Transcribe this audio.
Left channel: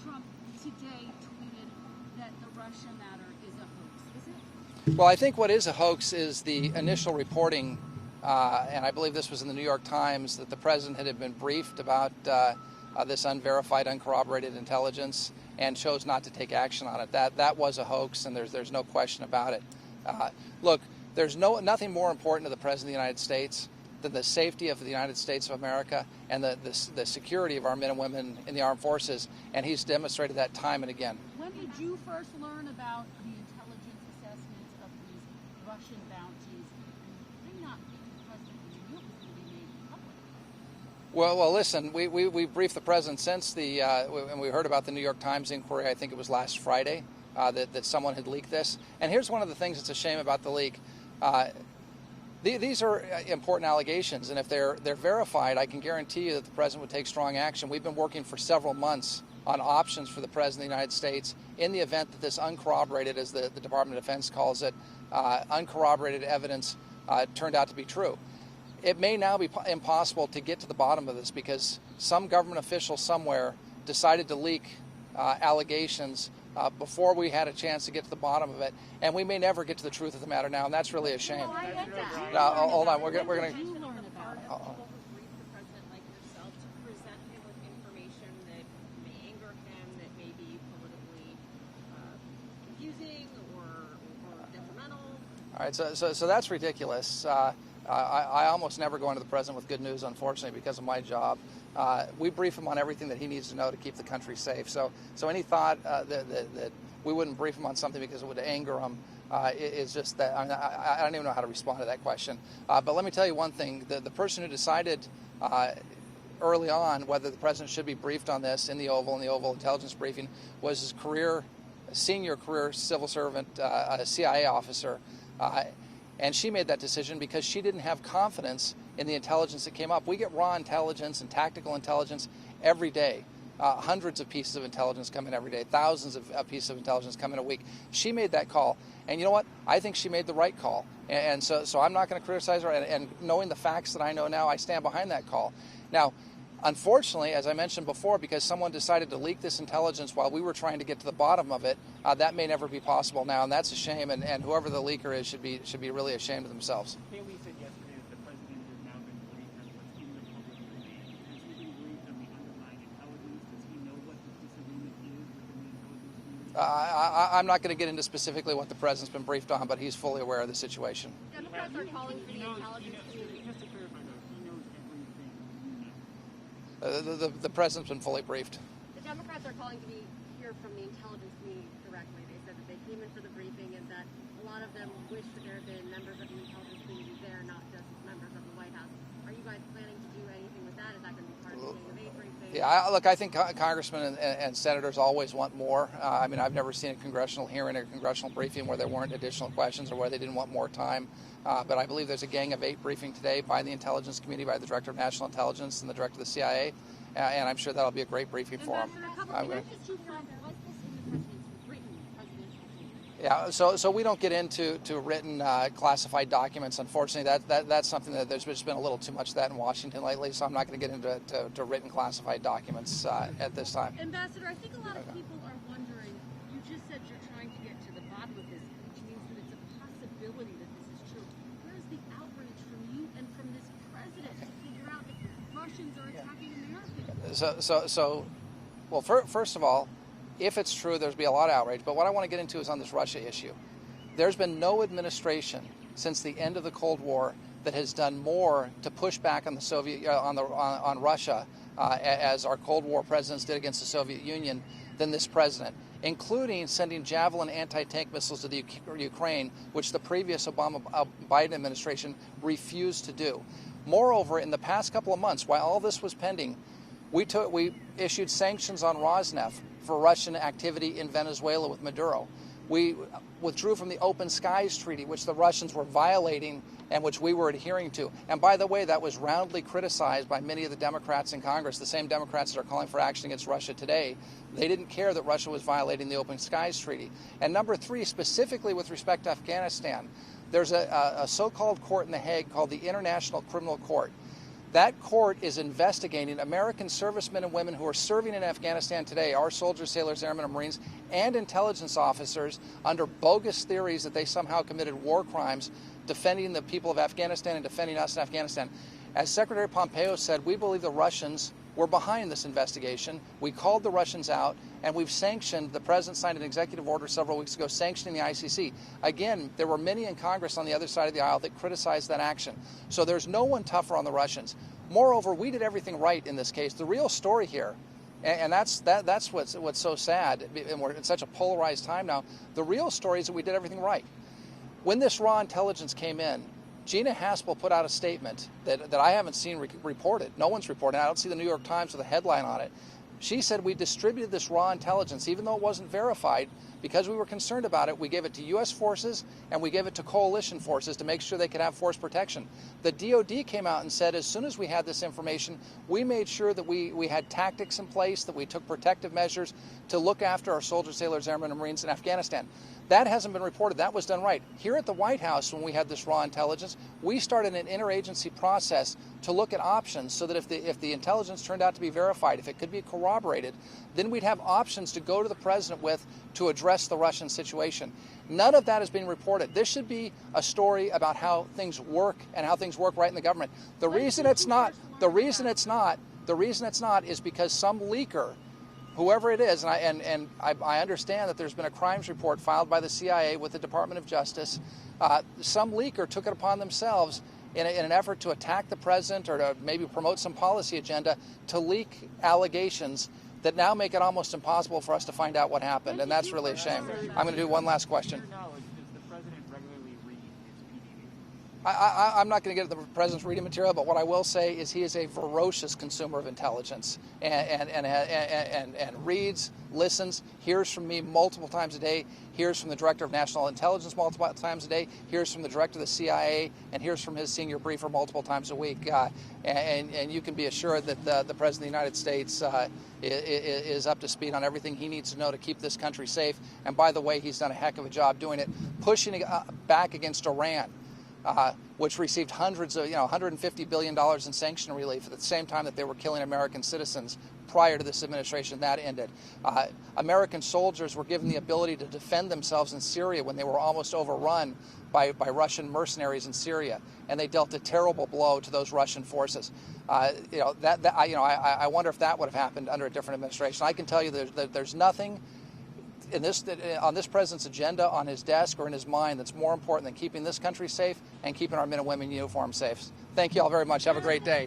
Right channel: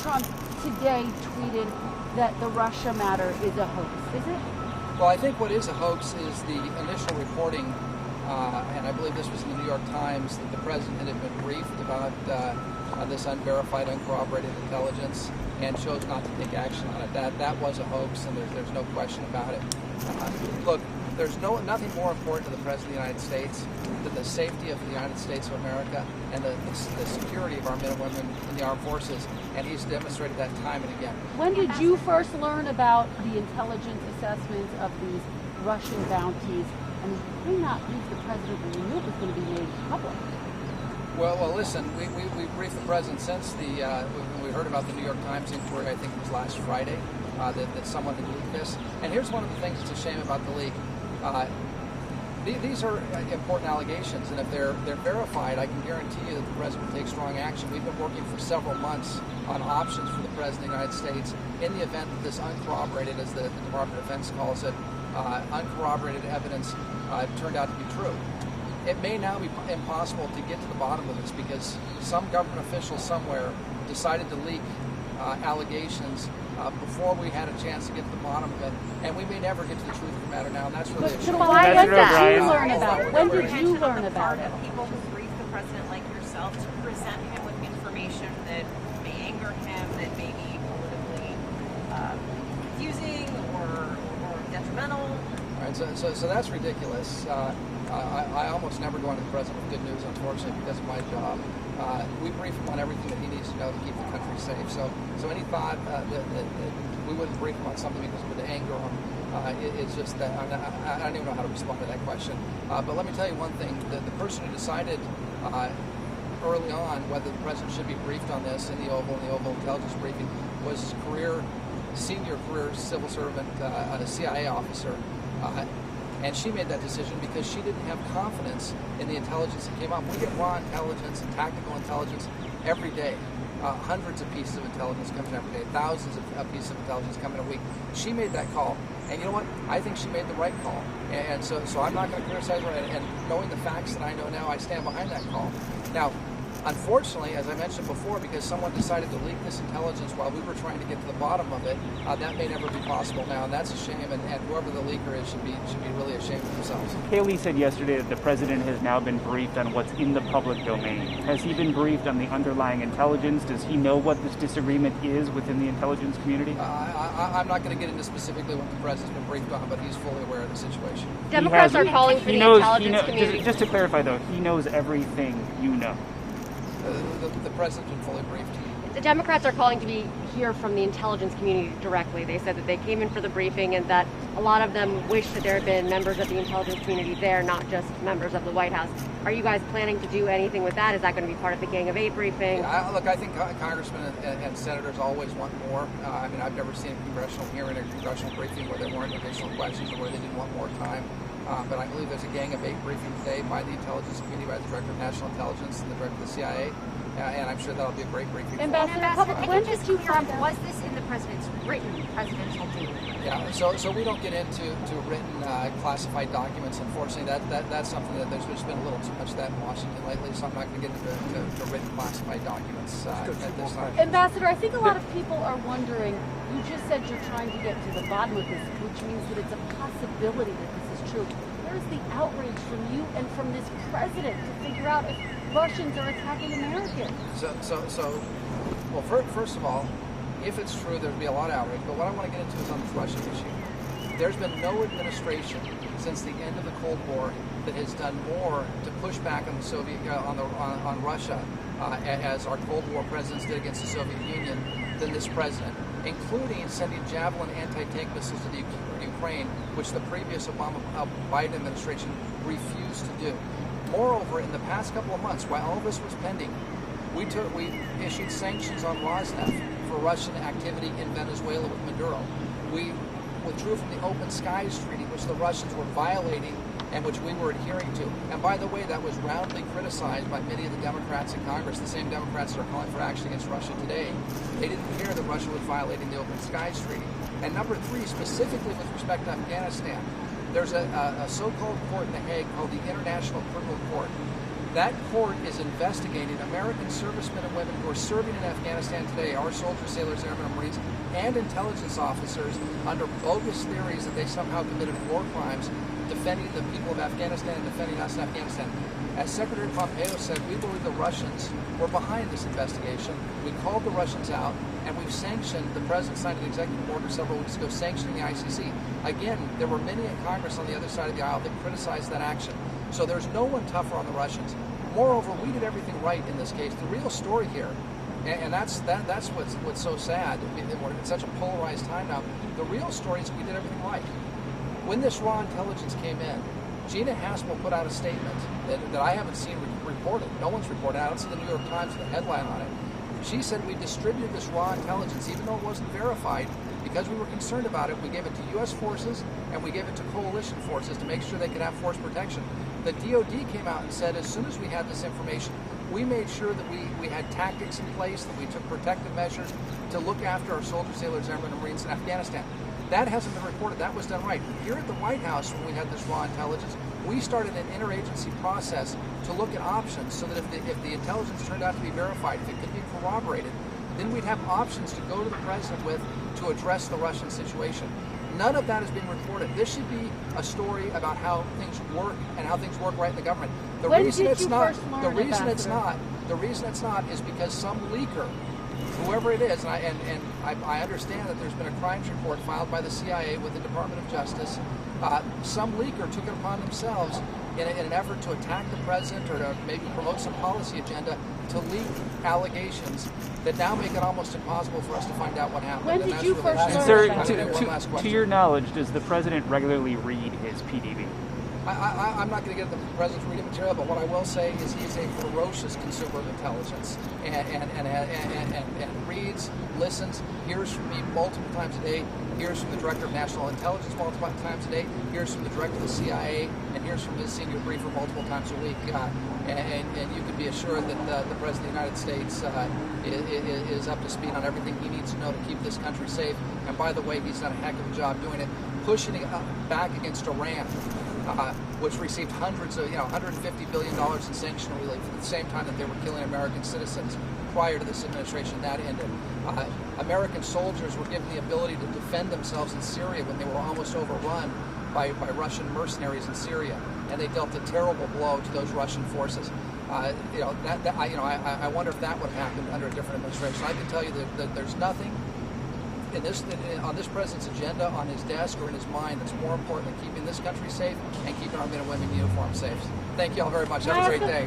Trump today tweeted that the Russia matter is a hoax. Is it? Well, I think what is a hoax is the initial reporting, and I believe this was in the New York Times, that the president had been briefed about this unverified, uncorroborated intelligence and chose not to take action on it. That was a hoax, and there's no question about it. Look, there's nothing more important to the President of the United States than the safety of the United States of America and the security of our men and women in the armed forces, and he's demonstrated that time and again. When did you first learn about the intelligence assessments of these Russian bounties? And why not brief the president when you knew it was going to be made public? Well, listen, we briefed the president since when we heard about the New York Times inquiry. I think it was last Friday that someone had leaked this. And here's one of the things that's a shame about the leak. These are important allegations, and if they're verified, I can guarantee you that the president will take strong action. We've been working for several months on options for the president of the United States in the event that this uncorroborated, as the Department of Defense calls it, uncorroborated evidence turned out to be true. It may now be impossible to get to the bottom of this because some government official somewhere decided to leak allegations before we had a chance to get to the bottom of it, and we may never get to the truth of the matter now, and that's really a shame. Why did you learn about it? When did you learn about it? People who brief the president like yourself to present him with information that may anger him, that may be politically confusing or detrimental. All right, so that's ridiculous. I almost never go into the president with good news, unfortunately, because of my job. We brief him on everything that he needs to know to keep the country safe. So any thought that we wouldn't brief him on something because it would anger him, it's just that I don't even know how to respond to that question. But let me tell you one thing: the person who decided early on whether the president should be briefed on this in the Oval intelligence briefing was his senior career civil servant, a CIA officer. And she made that decision because she didn't have confidence in the intelligence that came up. We get raw intelligence and tactical intelligence every day. Hundreds of pieces of intelligence come in every day. Thousands of pieces of intelligence come in a week. She made that call. And you know what? I think she made the right call. And so I'm not going to criticize her. And knowing the facts that I know now, I stand behind that call. Now, unfortunately, as I mentioned before, because someone decided to leak this intelligence while we were trying to get to the bottom of it, that may never be possible now, and that's a shame, and whoever the leaker is should be really ashamed of themselves. Haley said yesterday that the president has now been briefed on what's in the public domain. Has he been briefed on the underlying intelligence? Does he know what this disagreement is within the intelligence community? I'm not going to get into specifically what the president's been briefed on, but he's fully aware of the situation. Democrats are calling for the intelligence community. Just to clarify, though, he knows everything you know. The president's been fully briefed. The Democrats are calling to hear from the intelligence community directly. They said that they came in for the briefing and that a lot of them wish that there had been members of the intelligence community there, not just members of the White House. Are you guys planning to do anything with that? Is that going to be part of the Gang of Eight briefing? Yeah, look, I think congressmen and senators always want more. I mean, I've never seen a congressional hearing or congressional briefing where there weren't additional questions or where they didn't want more time. But I believe there's a Gang of Eight briefing today by the intelligence community, by the Director of National Intelligence and the Director of the CIA. And I'm sure that'll be a great briefing. Ambassador, when did you find out? Was this in the president's written presidential statement? Yeah, so we don't get into written classified documents. Unfortunately, that's something that there's just been a little too much of that in Washington lately. So I'm not going to get into written classified documents at this time. Ambassador, I think a lot of people are wondering. You just said you're trying to get to the bottom of this, which means that it's a possibility that this is true. Where's the outrage from you and from this president to figure out if Russians are attacking Americans? Well, first of all, if it's true, there'd be a lot of outrage. But what I want to get into is on this Russia issue. There's been no administration since the end of the Cold War that has done more to push back on the on Russia as our Cold War presidents did against the Soviet Union than this president, including sending Javelin anti-tank missiles to the Ukraine, which the previous Biden administration refused to do. Moreover, in the past couple of months, while all this was pending, we issued sanctions on Rosneft for Russian activity in Venezuela with Maduro. We withdrew from the Open Skies Treaty, which the Russians were violating and which we were adhering to. And by the way, that was roundly criticized by many of the Democrats in Congress, the same Democrats that are calling for action against Russia today. They didn't care that Russia was violating the Open Skies Treaty. And number three, specifically with respect to Afghanistan, there's a so-called court in The Hague called the International Criminal Court. That court is investigating American servicemen and women who are serving in Afghanistan today, our soldiers, sailors, airmen, and Marines, and intelligence officers under bogus theories that they somehow committed war crimes defending the people of Afghanistan and defending us in Afghanistan. As Secretary Pompeo said, we believe the Russians were behind this investigation. We called the Russians out, and we've sanctioned, the President signed an executive order several weeks ago sanctioning the ICC. Again, there were many in Congress on the other side of the aisle that criticized that action. So there's no one tougher on the Russians. Moreover, we did everything right in this case. The real story here, and that's what's so sad, and we're in such a polarized time now, the real story is that we did everything right. When this raw intelligence came in, Gina Haspel put out a statement that I haven't seen reported. No one's reported. I don't see the New York Times with a headline on it. She said we distributed this raw intelligence, even though it wasn't verified, because we were concerned about it. We gave it to U.S. forces and we gave it to coalition forces to make sure they could have force protection. The DOD came out and said as soon as we had this information, we made sure that we had tactics in place, that we took protective measures to look after our soldiers, sailors, airmen, and Marines in Afghanistan. That hasn't been reported. That was done right. Here at the White House, when we had this raw intelligence, we started an interagency process to look at options so that if the intelligence turned out to be verified, if it could be corroborated, then we'd have options to go to the president with to address the Russian situation. None of that has been reported. This should be a story about how things work and how things work right in the government. The reason it's not is because some leaker, whoever it is, and I understand that there's been a crimes report filed by the CIA with the Department of Justice. Some leaker took it upon themselves in an effort to attack the president or to maybe promote some policy agenda to leak allegations that now make it almost impossible for us to find out what happened. And that's really a shame. Sir, I'm going to do one last question. To your knowledge, does the president regularly read his PDB? I'm not going to get into the president's reading material, but what I will say is he is a ferocious consumer of intelligence and reads, listens, hears from me multiple times a day, hears from the director of national intelligence multiple times a day, hears from the director of the CIA, and hears from his senior briefer multiple times a week. And you can be assured that the President of the United States is up to speed on everything he needs to know to keep this country safe. And by the way, he's done a heck of a job doing it, pushing it back against Iran, which received hundreds of, $150 billion in sanction relief at the same time that they were killing American citizens prior to this administration. That ended. American soldiers were given the ability to defend themselves in Syria when they were almost overrun by Russian mercenaries in Syria, and they dealt a terrible blow to those Russian forces. I wonder if that would have happened under a different administration. I can tell you that there's nothing on this president's agenda, on his desk, or in his mind that's more important than keeping this country safe and keeping our men and women in uniform safe. Thank you all very much. Have a great day.